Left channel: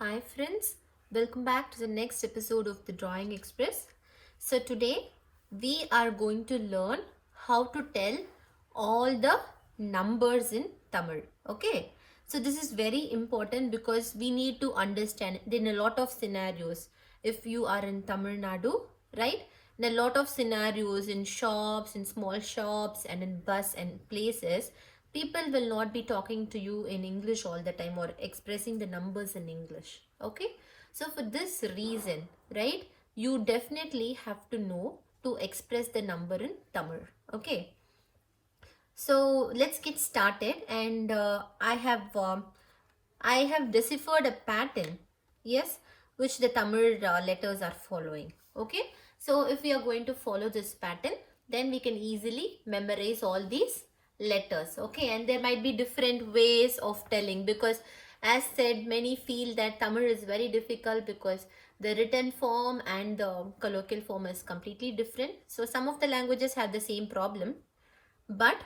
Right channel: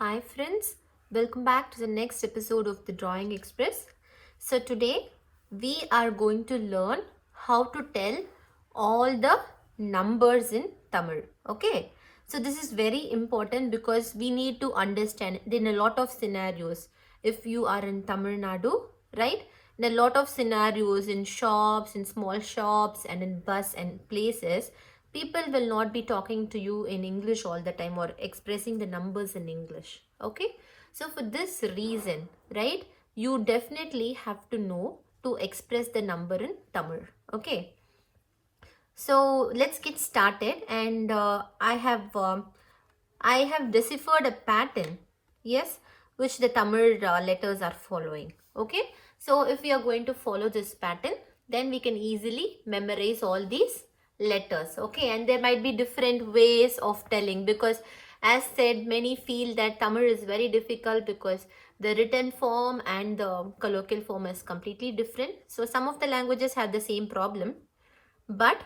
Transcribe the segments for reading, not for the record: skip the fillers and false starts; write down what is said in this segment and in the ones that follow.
Hi friends, welcome back to the next episode of the Drawing Express. So today we are going to learn how to tell all the numbers in Tamil. Okay, so this is very important because we need to understand in a lot of scenarios. If you are in Tamil Nadu, right? In a lot of scenarios in shops, in small shops and in bus and places, people will not be talking to you in English all the time or expressing the numbers in English. Okay, so for this reason, right, you definitely have to know to express the number in Tamil. Okay, so let's get started. And I have deciphered a pattern, yes, which the Tamil letters are following. Okay, so if we are going to follow this pattern, then we can easily memorize all these letters. Okay, and there might be different ways of telling, because as said, many feel that Tamil is very difficult because the written form and the colloquial form is completely different. So some of the languages have the same problem, but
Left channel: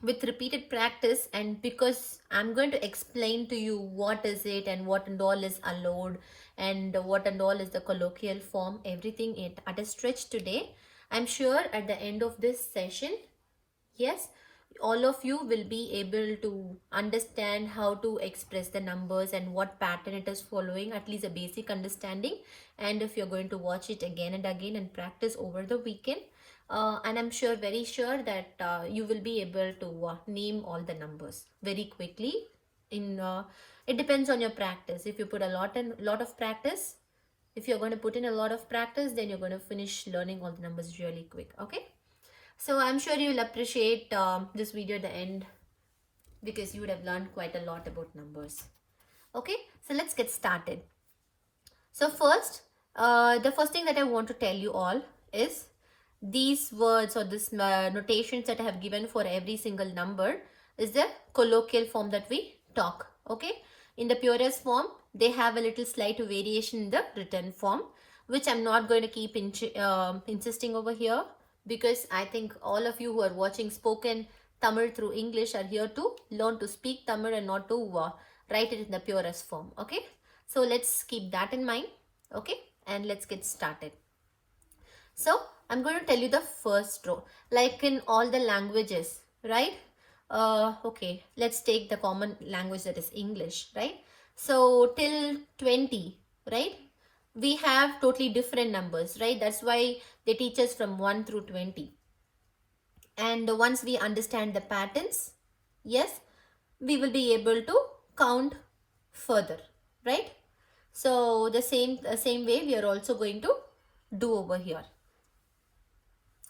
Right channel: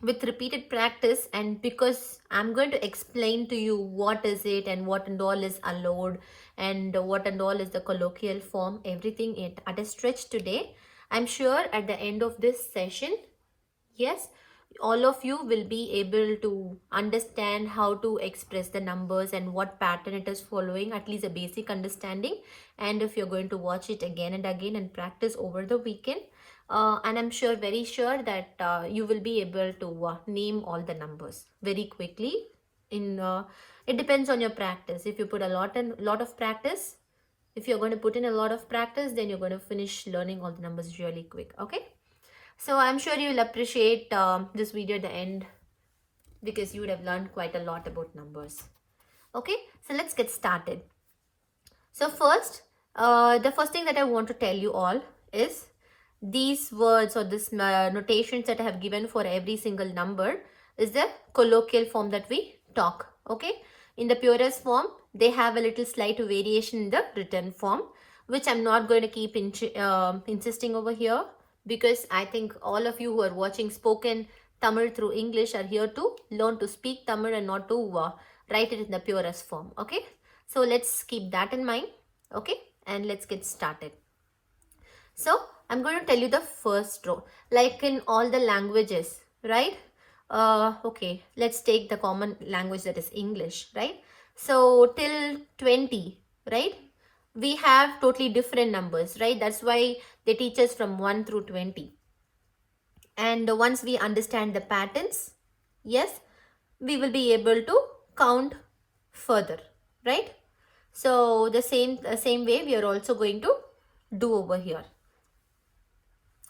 with repeated practice, and because I'm going to explain to you what is it and what and all is allowed and what and all is the colloquial form, everything at a stretch today, I'm sure at the end of this session, yes, all of you will be able to understand how to express the numbers and what pattern it is following, at least a basic understanding. And if you're going to watch it again and again and practice over the weekend, and I'm sure, very sure that you will be able to name all the numbers very quickly. It depends on your practice. If you put a lot of practice, if you're going to put in a lot of practice, then you're going to finish learning all the numbers really quick. Okay, so I'm sure you'll appreciate this video at the end, because you would have learned quite a lot about numbers. Okay, so let's get started. So first, the first thing that I want to tell you all is these words or this notations that I have given for every single number is the colloquial form that we talk. Okay, in the purest form, they have a little slight variation in the written form, which I'm not going to keep insisting over here, because I think all of you who are watching spoken Tamil through English are here to learn to speak Tamil and not to write it in the purest form. Okay, so let's keep that in mind. Okay, and let's get started. So I'm going to tell you the first row, like in all the languages, right? Okay, let's take the common language, that is English, right? So till 20, right? We have totally different numbers, right? That's why they teach us from 1 through 20. And once we understand the patterns, yes, we will be able to count further, right? So the same way we are also going to do over here.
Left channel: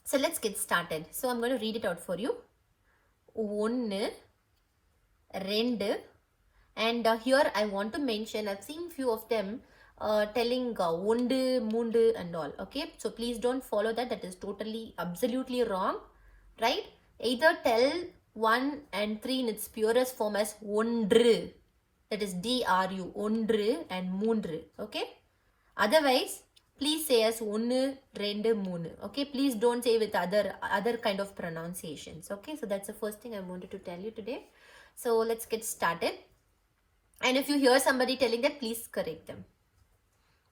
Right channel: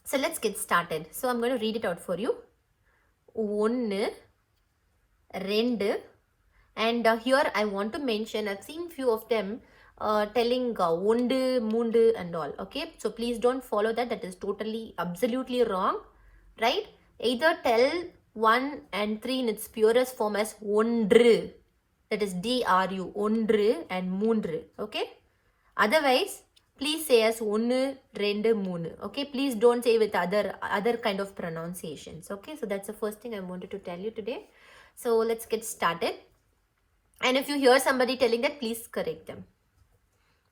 So let's get started. So I'm going to read it out for you. One, rendu, and here I want to mention, I've seen few of them telling ondu, mundu and all. Okay, so please don't follow that. That is totally, absolutely wrong, right? Either tell 1 and 3 in its purest form as ondru, that is DRU, ondru and moondru. Okay, otherwise please say as one, rendu, moonu. Okay, please don't say with other kind of pronunciations. Okay, so that's the first thing I wanted to tell you today. So let's get started. And if you hear somebody telling that, please correct them.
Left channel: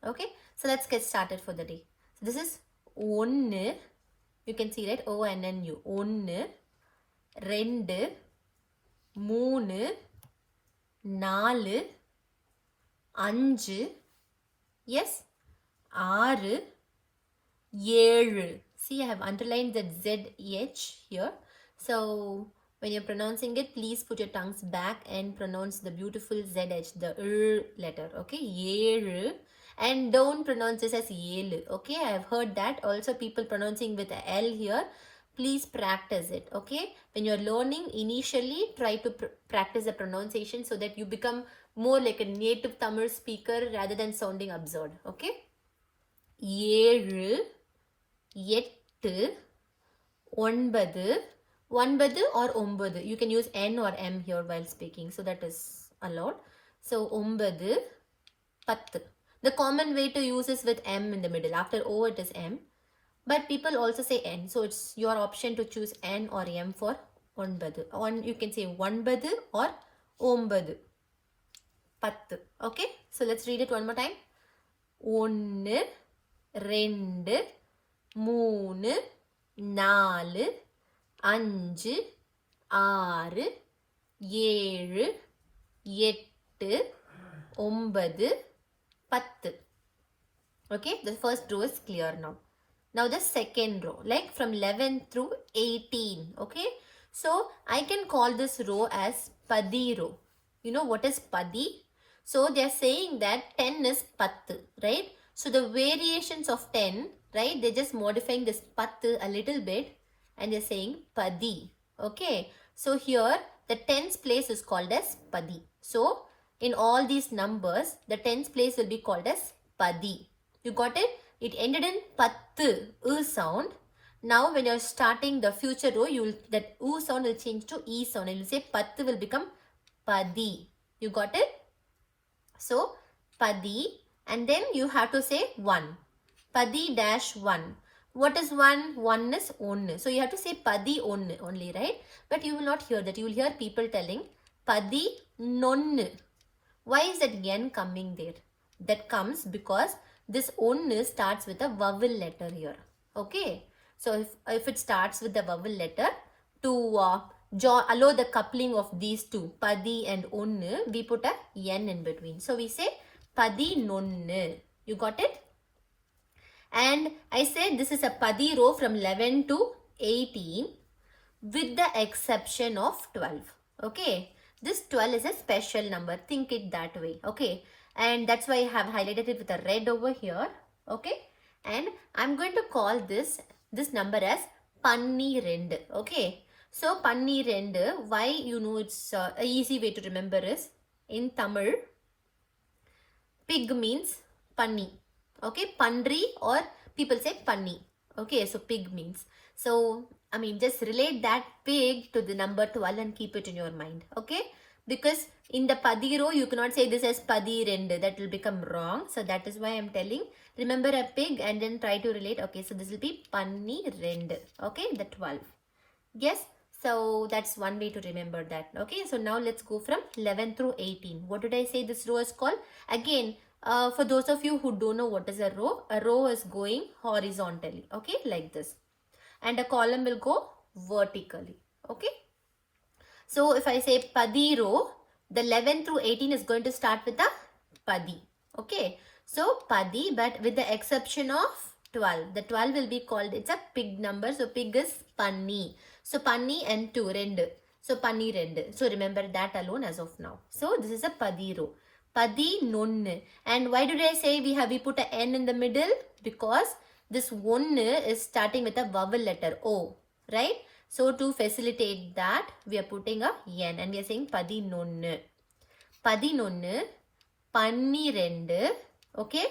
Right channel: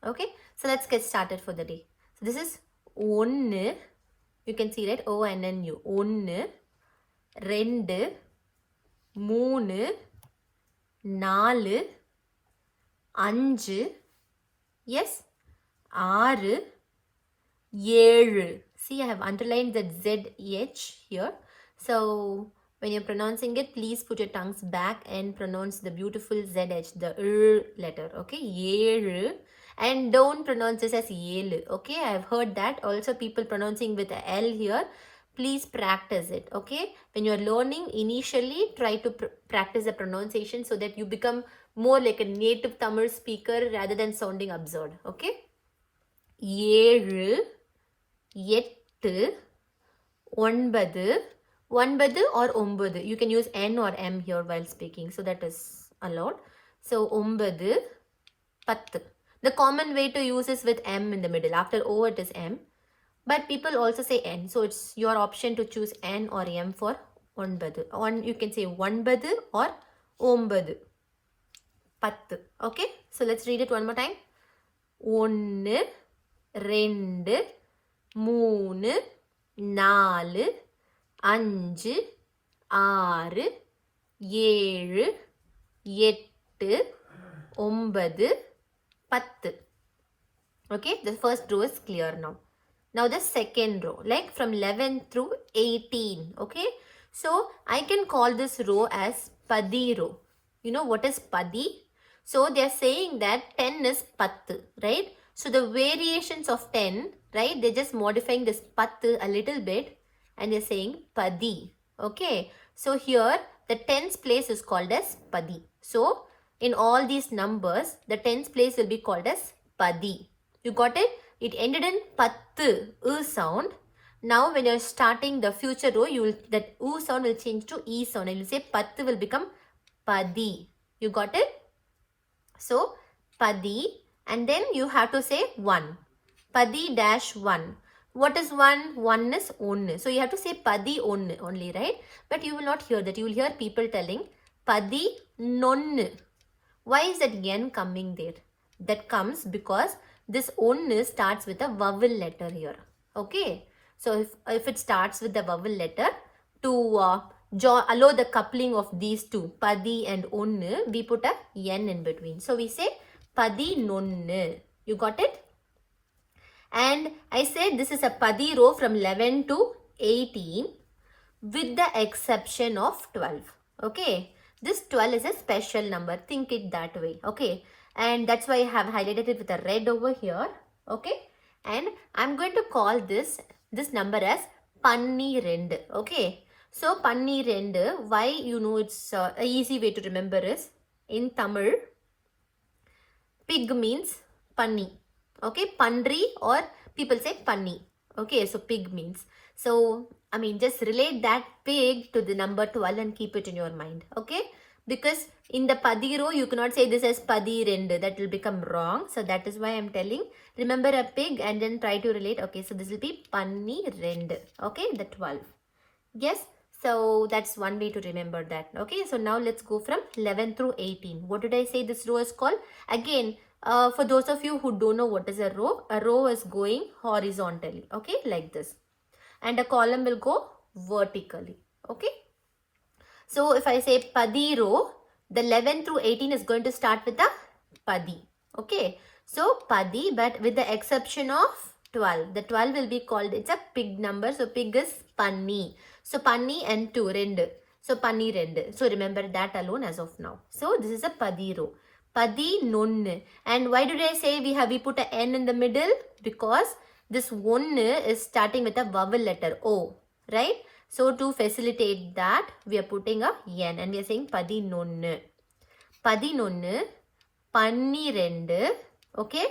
Okay, so let's get started for the day. So this is one, you can see that O-N-N-U, one, rendu, moonu, நாலு, அஞ்சு, yes, ஆறு, ஏழு. See, I have underlined that ZH here. So when you're pronouncing it, please put your tongues back and pronounce the beautiful ZH, the letter. Okay, ஏழு. And don't pronounce this as ஏழு. Okay, I've heard that. Also, people pronouncing with a L here. Please practice it. Okay, when you're learning, initially try to practice the pronunciation so that you become more like a native Tamil speaker rather than sounding absurd. Okay, ஏழு, எட்டு, ஒன்பது, ஒன்பது or ஒன்பது. You can use N or M here while speaking, so that is allowed. So ஒன்பது, பத்து. The common way to use is with M in the middle. After O it is M, but people also say N, so it's your option to choose N or M for ஒன்பது. You can say ஒன்பது or ஒன்பது, பத்து. Okay, So let's read it one more time. 1 2 3 4 5 6 7 8 9 10. Okay, the first row is clear now. Now the second row, like from 11 through 18. Okay, so I can call this row as paddy row. You know what is paddy? So they are saying that 10 is pattu, right? So the variations of 10, right? They're just modifying this pattu a little bit and they're saying paddy. Okay, so here the tens place is called as paddy. So in all these numbers, the tens place will be called as paddy. You got it? It ended in pattu, sound. Now when you're starting the future row, that sound will change to e sound. And you say pattu will become paddy. You got it? So paddy, and then you have to say 1. Paddy dash 1. What is 1? 1 is 1. So you have to say paddy only, right? But you will not hear that. You will hear people telling paddy nonnu. Why is that n coming there? That comes because this onnu starts with a vowel letter here. Okay. So if it starts with the vowel letter, to allow the coupling of these two, paddy and onnu, we put a n in between. So we say paddy nonnu. You got it? And I said this is a paddy row from 11 to 18 with the exception of 12. Okay. This 12 is a special number. Think it that way. Okay. And that's why I have highlighted it with a red over here. Okay. And I'm going to call this number as panni rendu. Okay. So panni rendu, why it's a easy way to remember is in Tamil, pig means panni. Okay, pandri, or people say panni. Okay, so pig means. So, I mean, just relate that pig to the number 12 and keep it in your mind. Okay, because in the paddy row, you cannot say this as paddy rendu. That will become wrong. So, that is why I am telling, remember a pig and then try to relate. Okay, so this will be panni rendu. Okay, the 12. Yes, so that's one way to remember that. Okay, so now let's go from 11 through 18. What did I say this row is called? Again, for those of you who don't know what is a row is going horizontally, okay, like this. And a column will go vertically, okay. So if I say paddy row, the 11 through 18 is going to start with the paddy, okay. So paddy, but with the exception of 12. The 12 will be called, it's a pig number, so pig is panni. So panni and 2, rendu. So panni rendu. So remember that alone as of now. So this is a paddy row. Paddy nonnu. And why did I say we put a n in the middle? Because this one is starting with a vowel letter O, right? So to facilitate that, we are putting a n and we are saying paddy nonnu. Paddy nonnu, panni rendu, okay?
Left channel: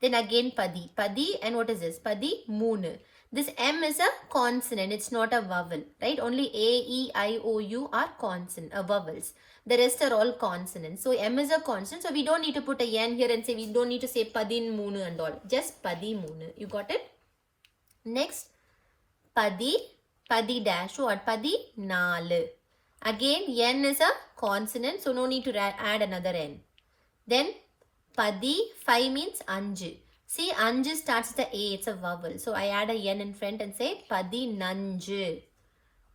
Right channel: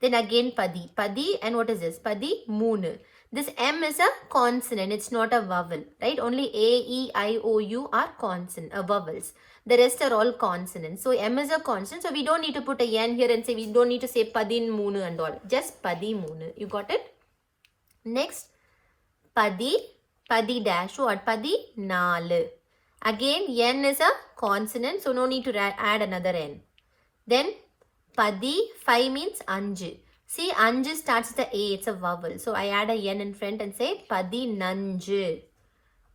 Then again paddy. Paddy, and what is this? Paddy moonu. This M is a consonant. It's not a vowel, right? Only A, E, I, O, U are consonant, vowels. The rest are all consonants. So M is a consonant. So we don't need to put a N here and say, we don't need to say padin moonu and all. Just paddy moonu. You got it? Next, paddy dash what? Paddy nalu. Again, N is a consonant. So no need to add another N. Then paddy, 5 means anju. See, anju starts with the A. It's a vowel. So I add a N in front and say paddy nanju.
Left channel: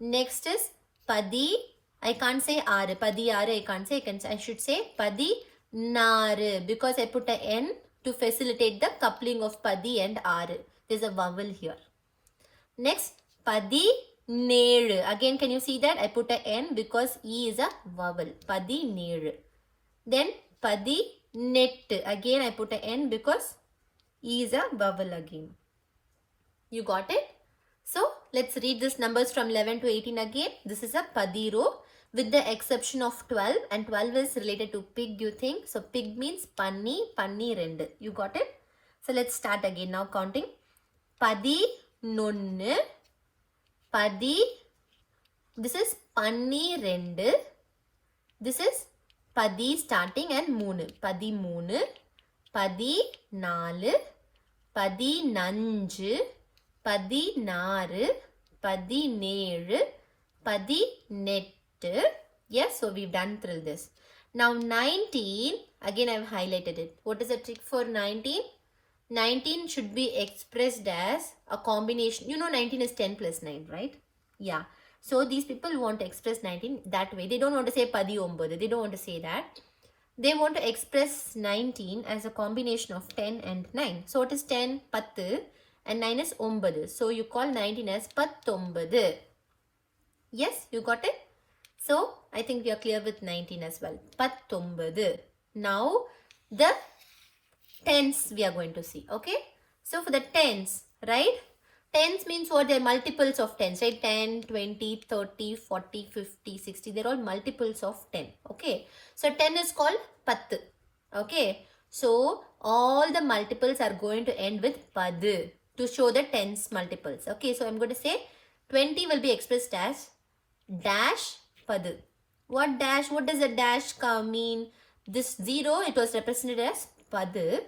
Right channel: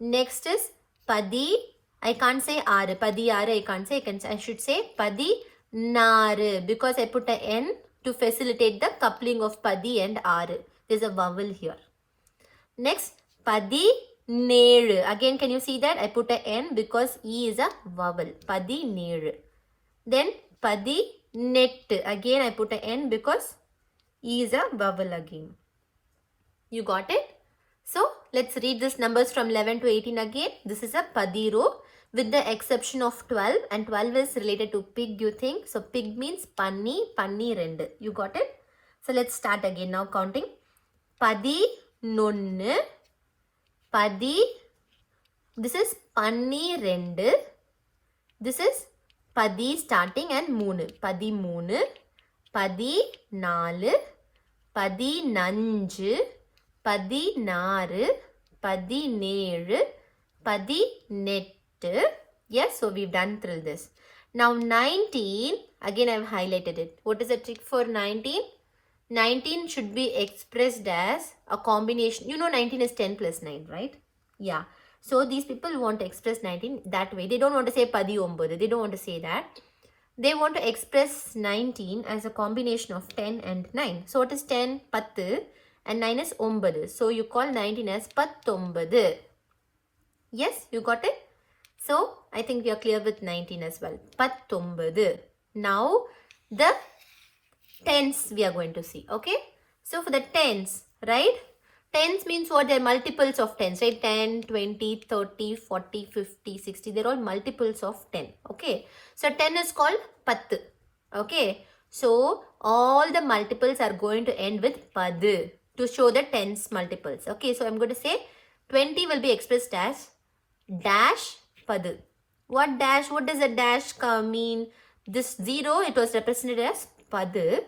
Next is paddy. I can't say R. Paddy R. I can't say. I should say paddy naru, because I put a N to facilitate the coupling of paddy and R. There's a vowel here. Next, paddy neru. Again, can you see that? I put a N because E is a vowel. Paddy neru. Then paddy net. Again, I put a N because E is a vowel again. You got it? So, let's read these numbers from 11 to 18 again. This is a paddy row with the exception of 12, and 12 is related to pig, you think. So, pig means panni rendu. You got it? So, let's start again now counting. Paddy nonnu, paddy, this is panni rendu, this is paddy starting and moonu. Paddy moonu, paddy nalu, paddy nanju, paddy naru, paddy neru, paddy nettu. Yes, so we've done through this. Now 19, again I've highlighted it. What is the trick for 19? 19 should be expressed as a combination. You know 19 is 10 plus 9, right? Yeah. So these people want to express 19 that way. They don't want to say paddy ombadu. They don't want to say that. They want to express 19 as a combination of 10 and 9. So what is 10? 10 and 9 is ombadu. So you call 19 as pattombadu. Yes, you got it? So I think we are clear with 19 as well. Pattombadu. Now the tens we are going to see. Okay. So for the tens, right? Tens means what? They're multiples of tens, right? 10, 20, 30, 40, 50, 60. They're all multiples of 10. Okay. So 10 is called pattu. Okay. So all the multiples are going to end with padu to show the tens multiples. Okay. So I'm going to say 20 will be expressed as dash padu. What dash? What does a dash mean? This 0, it was represented as padu,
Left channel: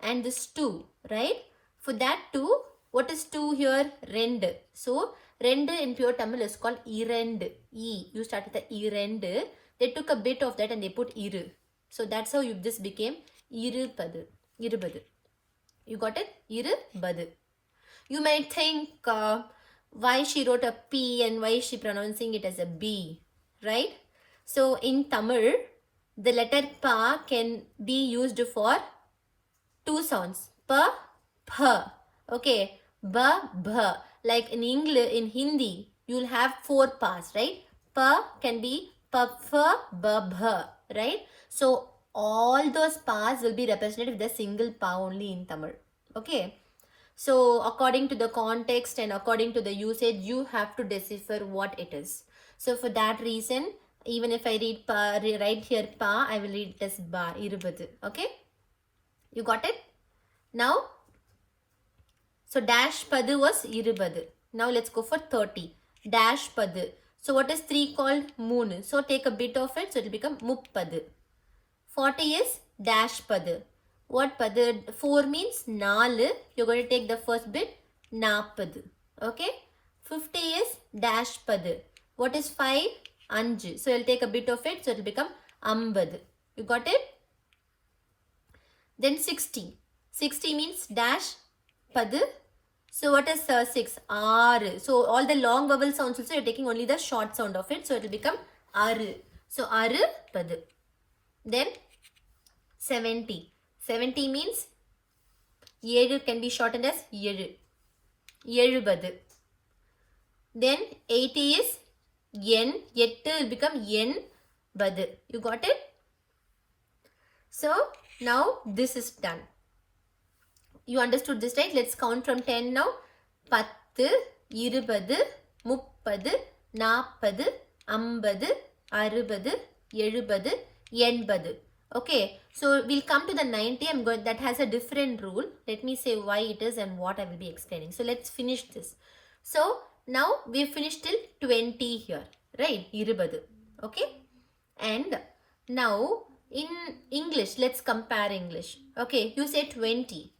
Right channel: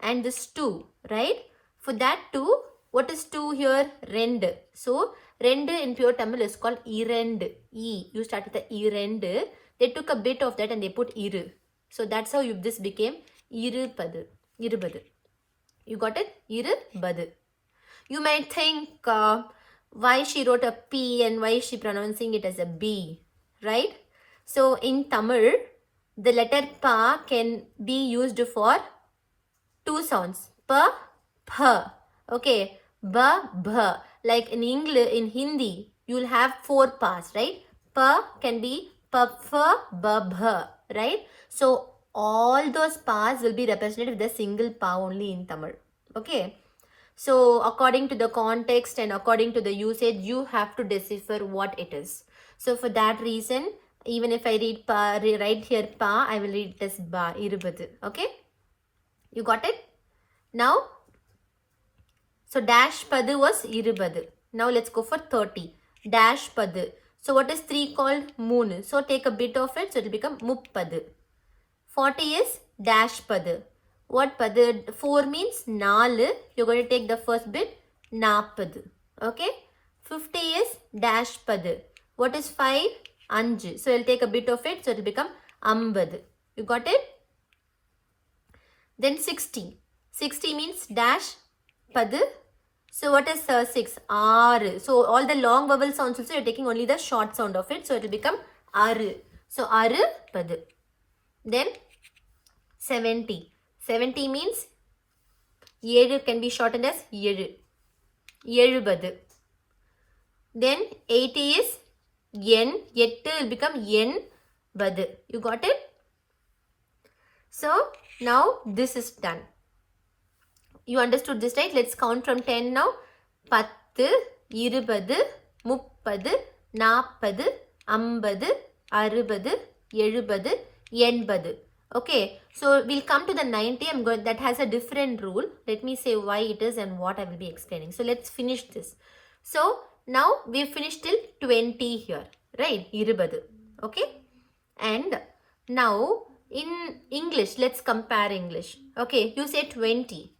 and this 2, right? For that 2, what is 2 here? Rendu. So rendu in pure Tamil is called irendu. E. You start with the irendu. They took a bit of that and they put iru. So that's how this became irupadu. Irubadu. You got it? Irubadu. You might think why she wrote a P and why is she pronouncing it as a B, right? So in Tamil, the letter pa can be used for two sounds. Pa, pa. Okay. Ba, ba. Like in English, in Hindi, you'll have 4 pas, right? Pa can be pa, fa, ba, ba, right? So all those pas will be represented with a single pa only in Tamil. Okay. So according to the context and according to the usage, you have to decipher what it is. So for that reason, even if I read pa, right here pa, I will read it as ba, irubadu. Okay. You got it? Now, so dash padu was irubadu. Now let's go for 30. Dash padu. So what is 3 called? Moon. So take a bit of it. So it will become muppadu. 40 is dash padu. What padu? 4 means 4. You're going to take the first bit. Napadu. Okay. 50 is dash padu. What is 5? Anju. So you'll take a bit of it. So it will become ambadu. You got it? Then 60. 60 means dash padu. So what is 6? R. So all the long vowel sounds also you're taking only the short sound of it. So it will become aru. So aru padu. Then 70. 70 means 7 can be shortened as yeru. Yerubadu. Then 80 is yen. Yettu will become yen badu. You got it? So now this is done. You understood this, right? Let's count from 10 now. 10, 20, 30, 40, 50, 60, 70, 80, okay, so we'll come to the 90. That has a different rule. Let me say why it is and what I will be explaining. So let's finish this. So now we finished till 20 here, right? 20, okay? And now in English, let's compare English. Okay, you say 20.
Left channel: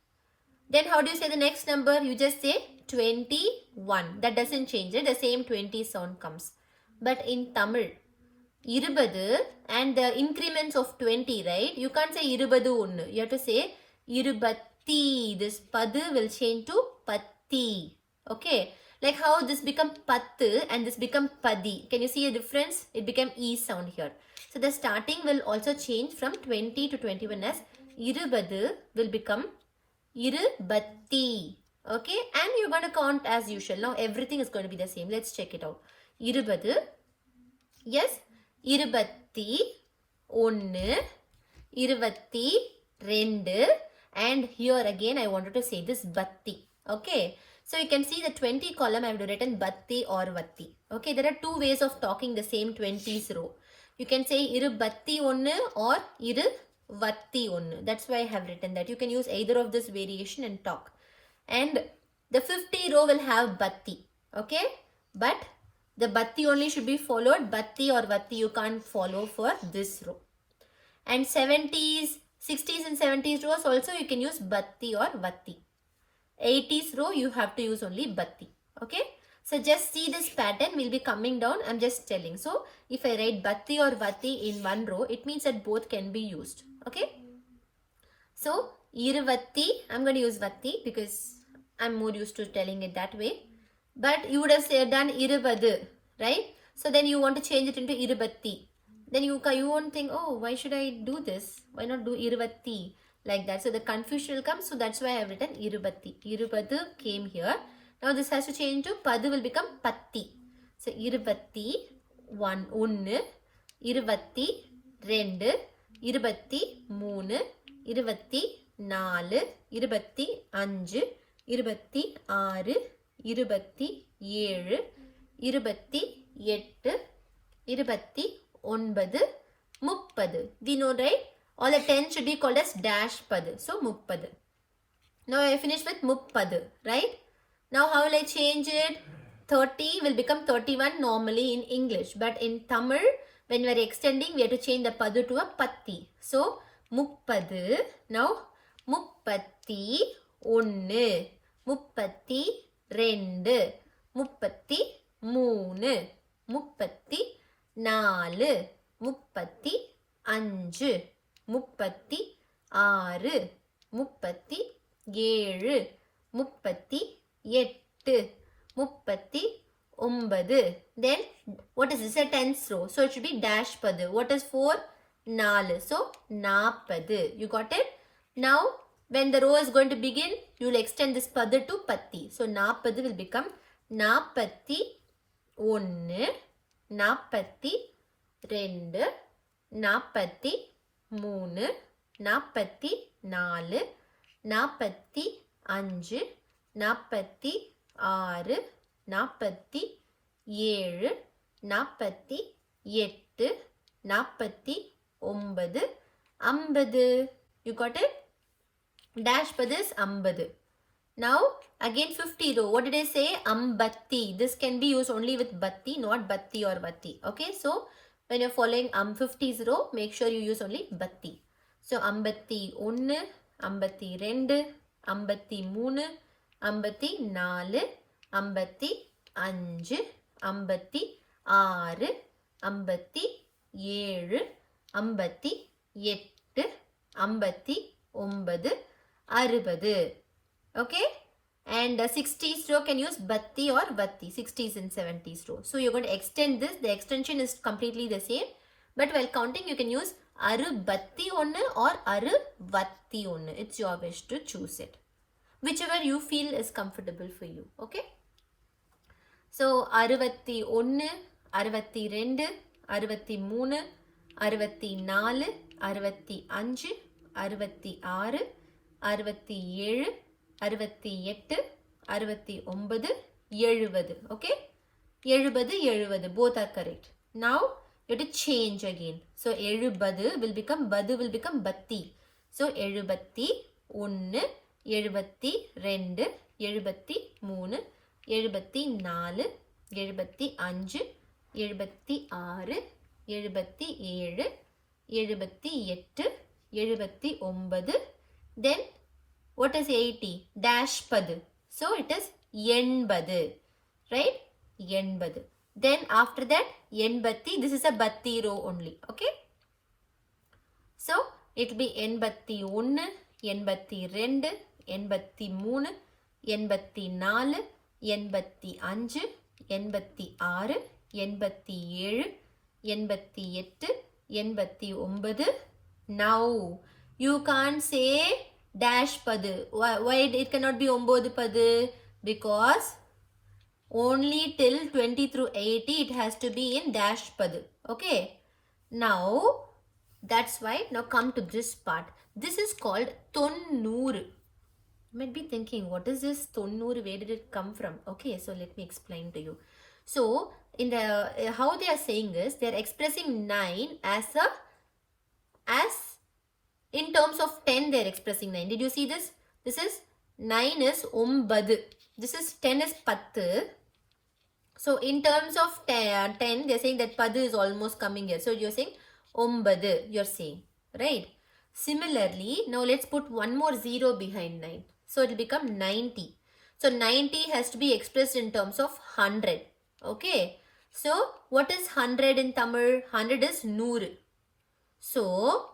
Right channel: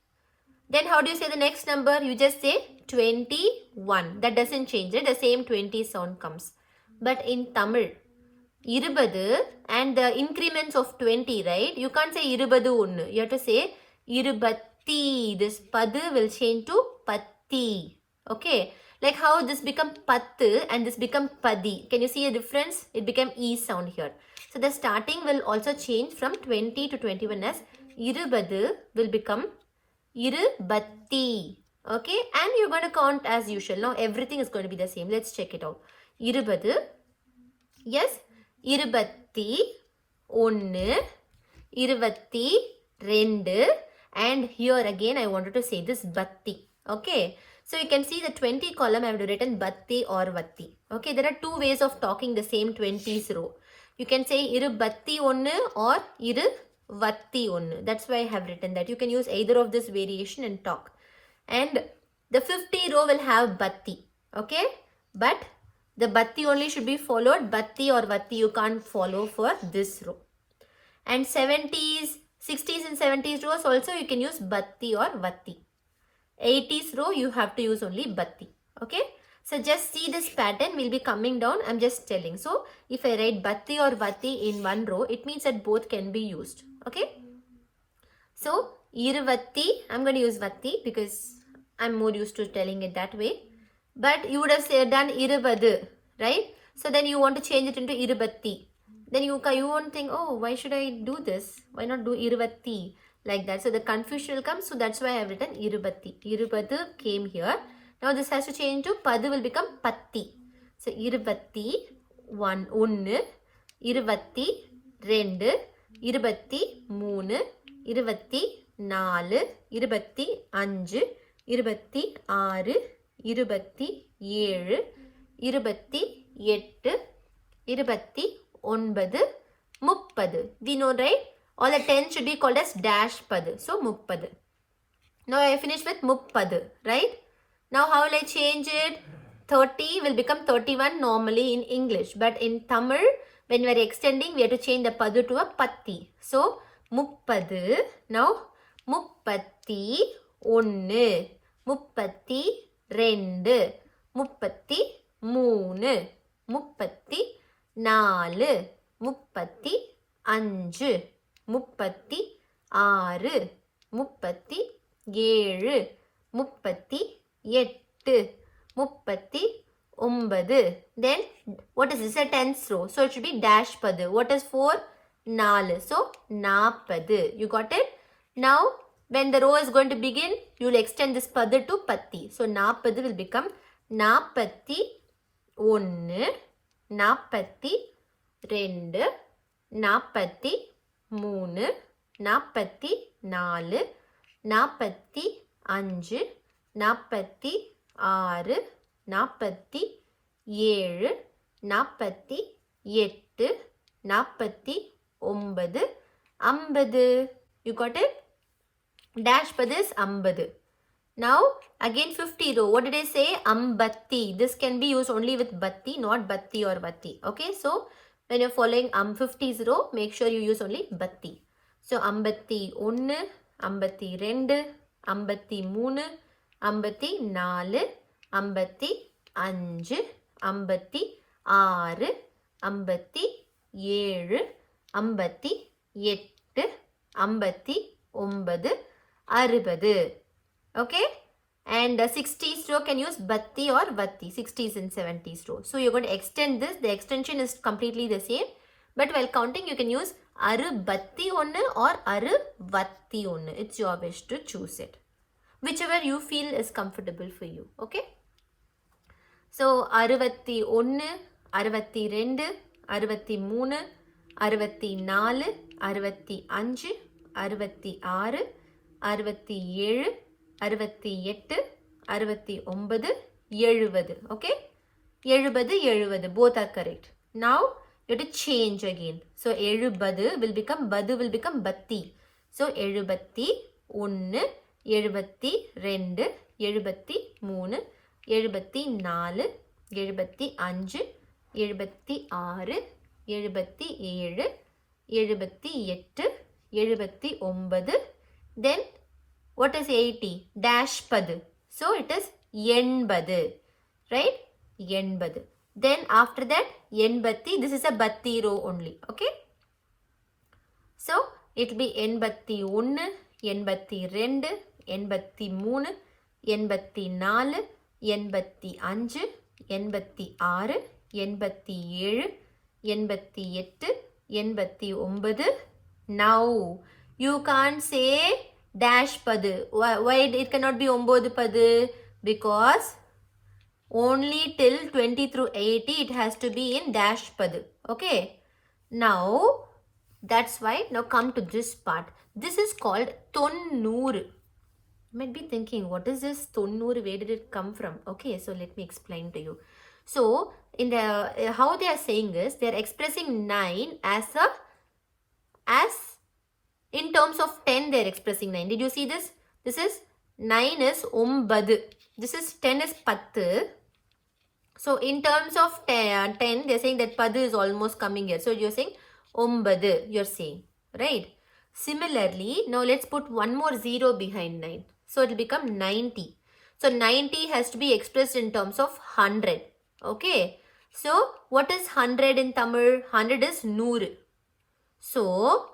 Then how do you say the next number? You just say 21. That doesn't change it. The same 20 sound comes. But in Tamil, 20 and the increments of 20, right? You can't say 21. You have to say 20. This padu will change to patti. Okay. Like how this become pattu and this become paddy. Can you see a difference? It became E sound here. So the starting will also change from 20 to 21 as 20 will become irubatti. Okay, and you're going to count as usual. Now everything is going to be the same. Let's check it out. 20. Yes. 21, 22, and here again I wanted to say this batti. Okay. So you can see the 20 column I have written batti or vatti. Okay. There are 2 ways of talking the same 20s row. You can say irubatti onnu or iruvatti onnu. That's why I have written that. You can use either of this variation and talk. And the 50 row will have batti. Okay. But the batti only should be followed. Batti or vatti you can't follow for this row. And 70s, 60s and 70s rows also you can use batti or vatti. 80s row you have to use only batti. Okay. So just see this pattern will be coming down. I'm just telling. So if I write batti or vati in one row, it means that both can be used. Okay. So iruvatti, I'm going to use vatti because I'm more used to telling it that way. But you would have done iruvadu, right? So then you want to change it into irubatti. Then you won't think, oh, why should I do this? Why not do iruvatti like that? So the confusion will come. So that's why I have written irubatti. Irubadu came here. Now this has to change to padu will become patti. So irubatti ஒன்று, இருபத்தி ரெண்டு, இருபத்தி மூணு, இருபத்தி நாலு, இருபத்தி அஞ்சு, இருபத்தி ஆறு, இருபத்தி ஏழு, இருபத்தி எட்டு, இருபத்தி ஒன்பது, முப்பது. We know, right? All the 10 should be called as dash padu. So முப்பது. Now I finished with முப்பது, right? Now how will I change it? 30 will become 31 normally in English. But in Tamil, when we are extending, we have to change the padu to a patti. So முப்பது. Now முப்பத்தி ஒன்று, முப்பத்தி ரெண்டு, முப்பத்தி மூணு, முப்பத்தி நாலு, முப்பத்தி அஞ்சு, முப்பத்தி ஆறு, முப்பத்தி ஏழு, முப்பத்தி எட்டு, முப்பத்தி ஒன்பது. Then what is this? A tenth row. So it should be dash padu. What is 4? 4. So நாற்பது. You got it? Now when the row is going to begin, you will extend this padu to patti. So நாற்பது will become நாற்பத்தி ஒன்று, நாற்பத்தி ரெண்டு, நாற்பத்தி மூணு, நாற்பத்தி நாலு, நாற்பத்தி அஞ்சு, நாற்பத்தி ஆறு, நாற்பத்தி ஏழு, நாற்பத்தி எட்டு, நாற்பத்தி ஒன்பது, ஐம்பது. You got it? Dash padu is ஐம்பது. Now again 50 row. What did I say? Ambatti. This can be used only with batti, not batti or vatti. Okay, so when you're following 50s row, make sure you use only batti. So ஐம்பத்தி ஒன்று, ஐம்பத்தி ரெண்டு, ஐம்பத்தி மூணு, ஐம்பத்தி நாலு, ஐம்பத்தி அஞ்சு, ஐம்பத்தி ஆறு, ஐம்பத்தி ஏழு, ஐம்பத்தி எட்டு, ஐம்பத்தி ஒன்பது, அறுபது. Okay, and 60s row can use batti or vatti. 60s and 70s row. So you're going to extend this. The extension is completely the same, but while counting you can use arubatti ஒன்று or aruvatti ஒன்று. It's your wish to choose it, whichever you feel is comfortable for you. Okay, so அறுபத்தி ஒன்று, அறுபத்தி ரெண்டு, அறுபத்தி மூணு, அறுபத்தி நாலு, அறுபத்தி அஞ்சு, அறுபத்தி ஆறு, அறுபத்தி ஏழு, அறுபத்தி எட்டு, அறுபத்தி ஒன்பது, எழுபது. Okay, எழுபது, எழுபது, both are correct. Now you have to change again. So எழுபது will become badu will become batti. So எழுபத்தி ஒன்று, எழுபத்தி ரெண்டு, எழுபத்தி மூணு, எழுபத்தி நாலு, எழுபத்தி அஞ்சு, எழுபத்தி ஆறு, எழுபத்தி ஏழு, எழுபத்தி எட்டு, எழுபத்தி ஒன்பது. Then what is 80? Dash padu. So it is எண்பது, right? எண்பது. Then after that எண்பத்தி, this is a batti row only. Okay, so it will be எண்பத்தி ஒன்று, எண்பத்தி ரெண்டு, எண்பத்தி மூணு, எண்பத்தி நாலு, எண்பத்தி அஞ்சு, எண்பத்தி ஆறு, எண்பத்தி ஏழு, எண்பத்தி எட்டு, எண்பத்தி ஒன்பது. Now you can't say dash padu. Why it cannot be ஒன்பது padu? Because only till 20 through 80 it has to be in dash padu. Okay, now that's why. Now come to this part. This is called தொண்ணூறு. You might be thinking, what is this தொண்ணூறு? Where did it come from? Okay, so let me explain to you. So in the how they are saying is they are expressing 9 as in terms of 10. They are expressing 9. Did you see this? This is 9 is ஒன்பது. This is 10 is பத்து. So in terms of 10 they are saying that padu is almost coming here. So you're saying ஒன்பது, you're saying, right? Similarly, now let's put one more zero behind 9. So it will become 90. So 90 has to be expressed in terms of 100. Okay. So what is 100 in Tamil? 100 is 100. So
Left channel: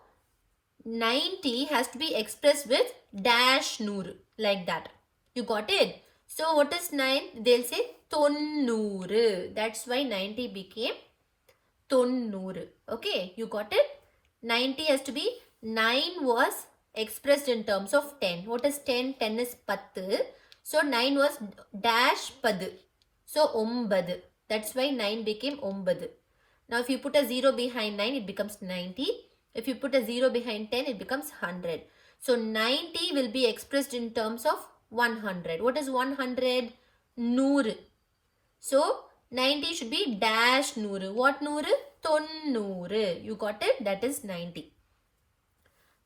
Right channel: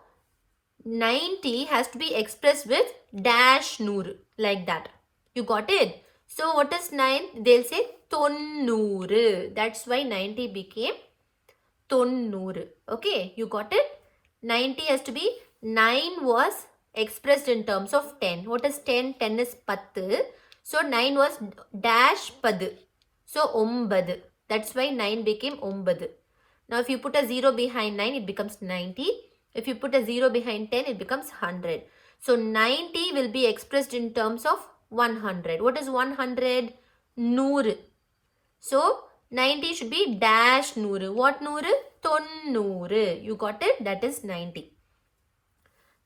90 has to be expressed with dash 100 like that. You got it? So what is 9? They'll say 90. That's why 90 became 90. Okay, you got it? 90 has to be 9 was expressed in terms of 10. What is 10? 10 is 10. So 9 was dash 10. So 9. That's why 9 became 9. Now if you put a 0 behind 9, it becomes 90. If you put a 0 behind 10, it becomes 100. So 90 will be expressed in terms of 100. What is 100? 100. So 90 should be dash 100. What 100? 90. You got it? That is 90.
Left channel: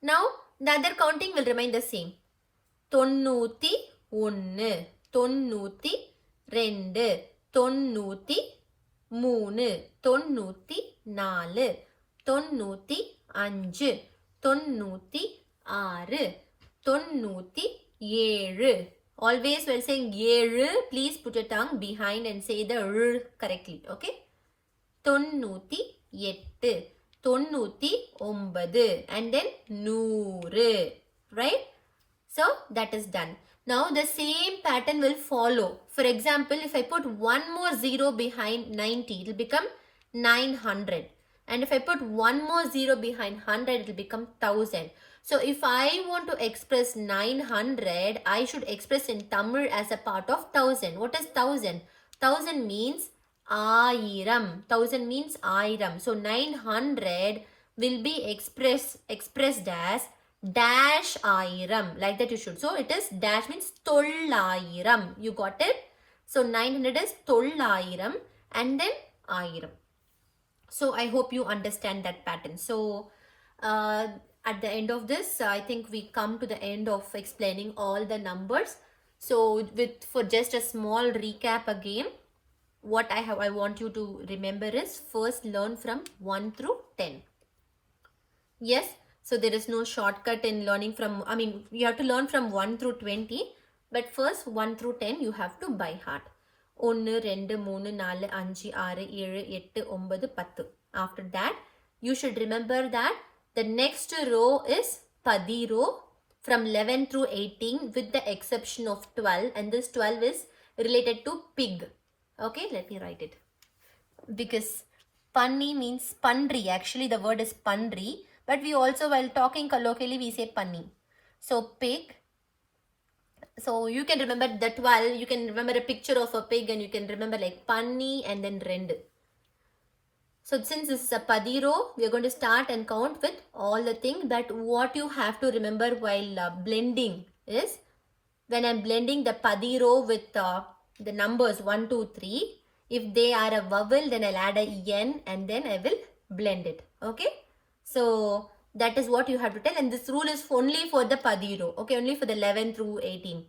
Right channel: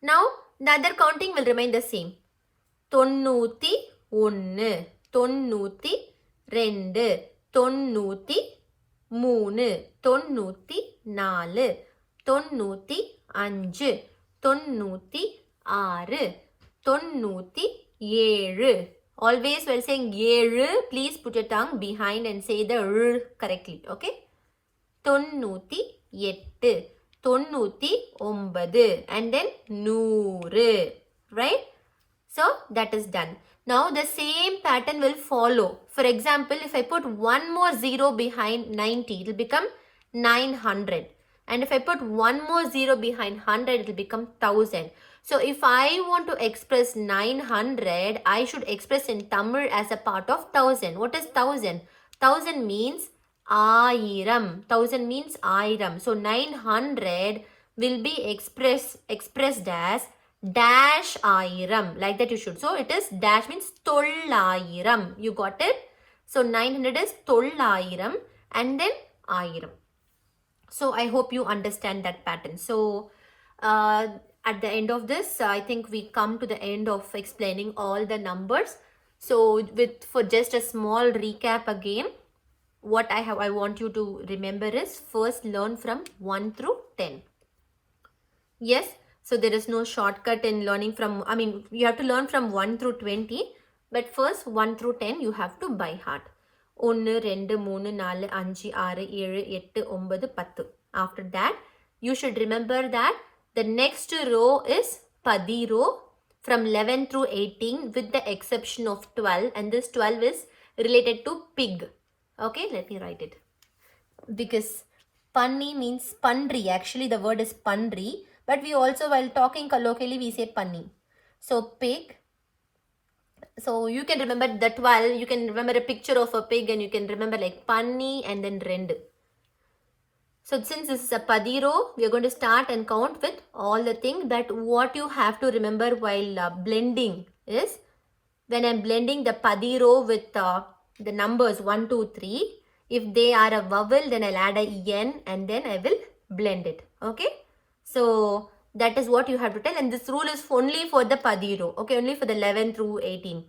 Now the other counting will remain the same. 91, 92, 93, 94, 95, 96, 97. Always while saying 7, please put your tongue behind and say the r correctly. Okay? 98, 99, and then 100. Right? So that is done. Now the same pattern will follow. For example, if I put one more 0 behind 90, it will become 900. And if I put one more 0 behind 100, it will become 1000. So if I want to express 900, I should express in Tamil as a part of 1000. What is 1000? 1000 means Airam. 1000 means Airam. So 900 will be expressed as dash Airam. Like that you should. So it is dash means Tollairam. You got it? So 900 is Tollairam and then Airam. So I hope you understand that pattern. So at the end of this, I think we come to the end of explaining all the numbers. So for just a small recap again, what I want you to remember is first learn from 1 through 10. Yes, so there is no shortcut in learning from, you have to learn from 1 through 20, but first 1 through 10 you have to by heart. 1, 2, 3, 4, 5, 6, 7, 8, 9, 10. After that, you should remember that the next row is paddy row from 11 through 18 with the exception of 12, and this 12 is related to pig. Okay, let me write it. Because panni means pandri. Actually, the word is pandri, but we also, while talking colloquially, we say panni. So pig. So you can remember the 12, you can remember a picture of a pig and you can remember like panni and then rend. So since this is a paddy row, we are going to start and count with all the things. That what you have to remember while blending is, when I'm blending the paddy row with the numbers 1, 2, 3, if they are a vowel, then I'll add a en and then I will blend it. Okay. So that is what you have to tell, and this rule is only for the paddy row. Okay, only for the 11 through 18.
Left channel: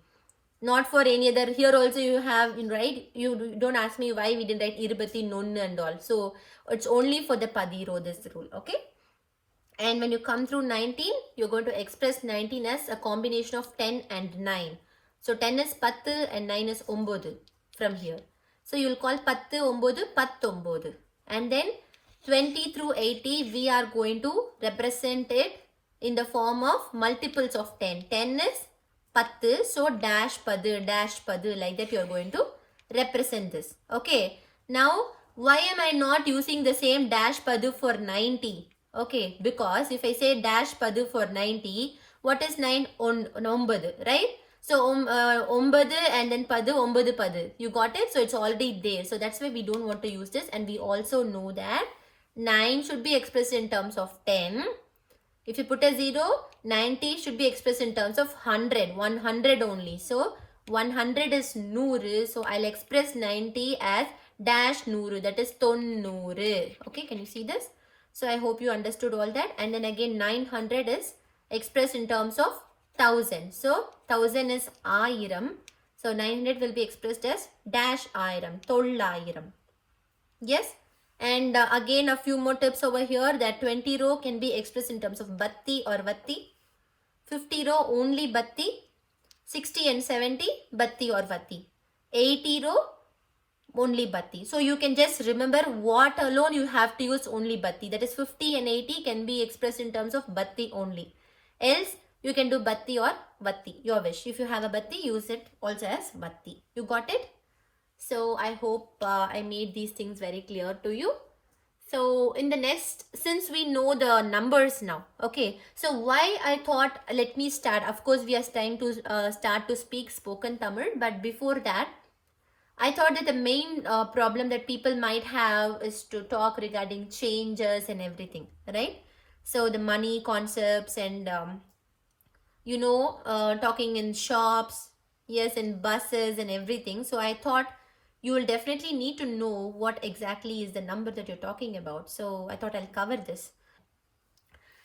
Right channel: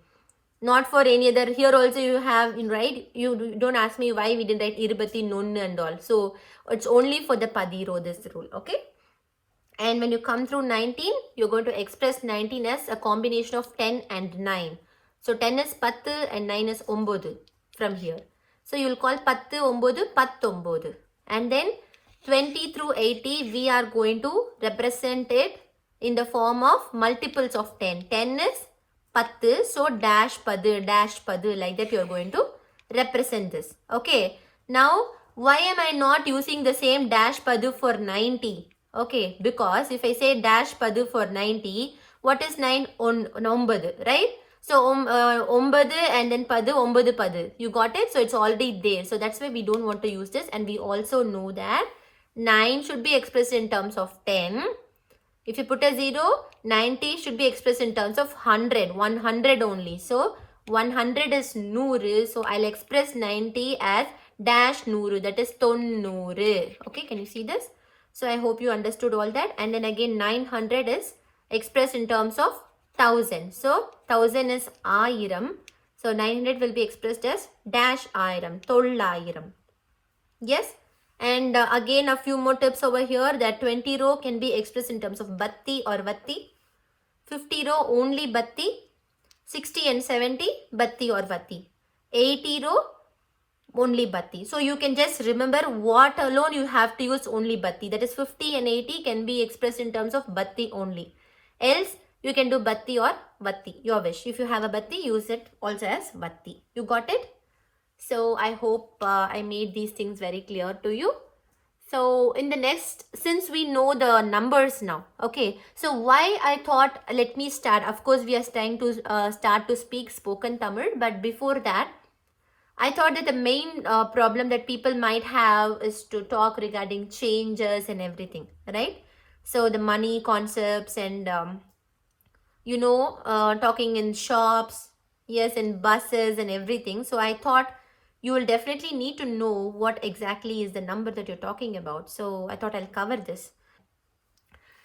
Not for any other. Here also you have, right? You don't ask me why we didn't write irubati, nun and all. So it's only for the paddy row, this rule. Okay. And when you come through 19, you're going to express 19 as a combination of 10 and 9. So 10 is 10 and 9 is 9 from here. So you will call 10, 9, 19. And then 20 through 80, we are going to represent it in the form of multiples of 10. 10 is 10, so dash 10, like that you are going to represent this. Okay. Now, why am I not using the same dash 10 for 90? Okay, because if I say dash 10 for 90, what is 9? 9, right? So 9 and then 10. You got it? So it's already there. So that's why we don't want to use this. And we also know that 9 should be expressed in terms of 10. If you put a 0, 90 should be expressed in terms of 100 only. So 100 is 100. So I'll express 90 as dash 100. That is 90. Okay, can you see this? So I hope you understood all that. And then again 900 is expressed in terms of 1000. So 1000 is Airam. So 900 will be expressed as dash Airam. Tollairam. Yes. And again a few more tips over here, that 20 row can be expressed in terms of batti or vatti. 50 row only batti. 60 and 70, batti or vatti. 80 row, only batti. So you can just remember what alone you have to use only batti. That is 50 and 80 can be expressed in terms of batti only. Else you can do batti or vatti, your wish. If you have a batti, use it also as vatti. You got it? So I hope I made these things very clear to you. So in the next, since we know the numbers now, okay, so why I thought let me start. Of course we are trying to start to speak spoken Tamil, but before that I thought that the main problem that people might have is to talk regarding changes and everything, right? So the money concepts and talking in shops, yes, in buses and everything. So I thought you will definitely need to know what exactly is the number that you're talking about. So I thought I'll cover this.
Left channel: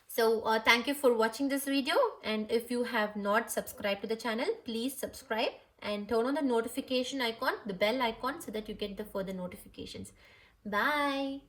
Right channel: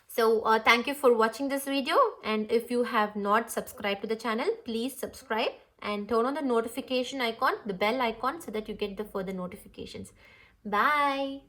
So thank you for watching this video, and if you have not subscribed to the channel, please subscribe and turn on the notification icon, the bell icon, so that you get the further notifications. Bye.